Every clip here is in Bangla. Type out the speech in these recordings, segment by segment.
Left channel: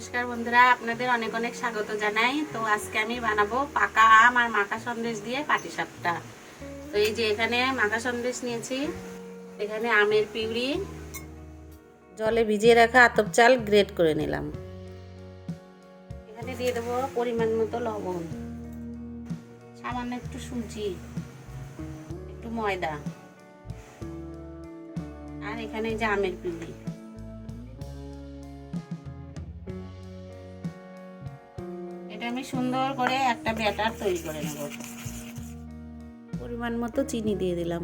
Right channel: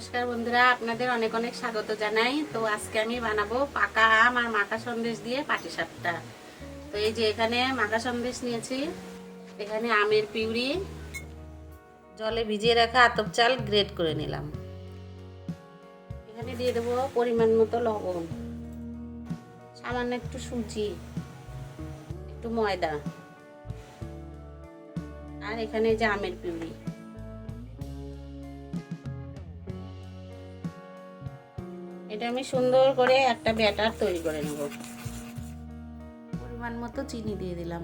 নমস্কার বন্ধুরা, আপনাদের অনেক অনেক স্বাগত জানাই। তো আজকে আমি বানাবো পাকা আম আর মাখা সন্দেশ দিয়ে পাটিসাপটা। তো এই যে এখানে মাখা সন্দেশ নিয়েছি। এখানে আমের পিউরি, জলে ভিজিয়ে রাখা আতপ চাল গ্রেট করে নিলাম। এখানে দিয়ে দেবো পরিমাণ মতো লবণ, সামান্য একটু সুজি, একটু ময়দা। আর এখানে যে আমের পিউরি। এটা আমি সুন্দর করে একটা ব্যাটার তৈরি করে নেব। পরিমাণ মতো চিনি দিয়ে দিলাম।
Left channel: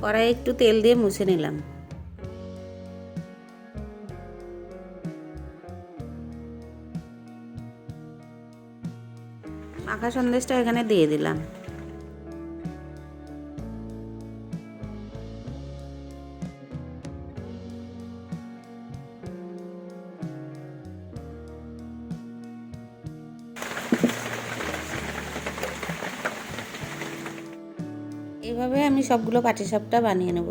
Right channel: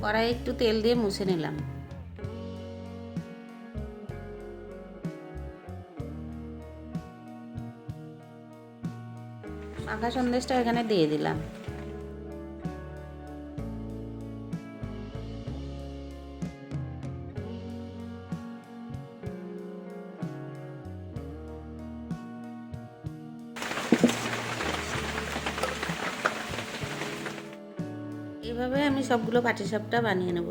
কড়াই একটু তেল দিয়ে মুছে নিলাম। মাখা সন্দেশটা এখানে দিয়ে দিলাম। এভাবে আমি সবগুলো পাটিসাপটা বানিয়ে নেব।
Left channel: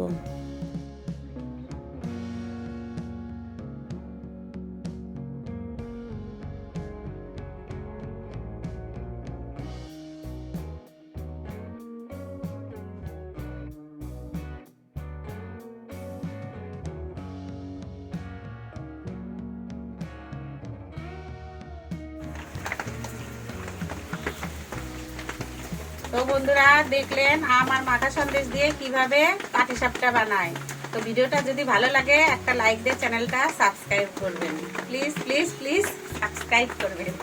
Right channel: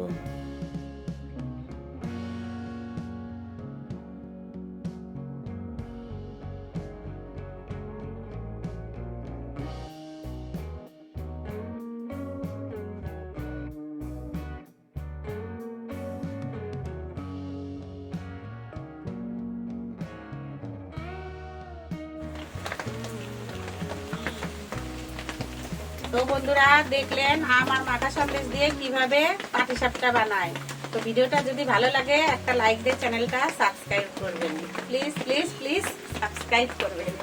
তো বন্ধুরা দেখলেন আমার মাথা সন্দেশ দিয়ে কীভাবে পাটিসাপটা বানায়। তো ভিডিওটা যদি ভালো লাগে, একটা লাইক দিয়ে চ্যানেলটা সাবস্ক্রাইব করবেন। প্লিজ প্লিজ প্লিজ সাবস্ক্রাইব করবেন।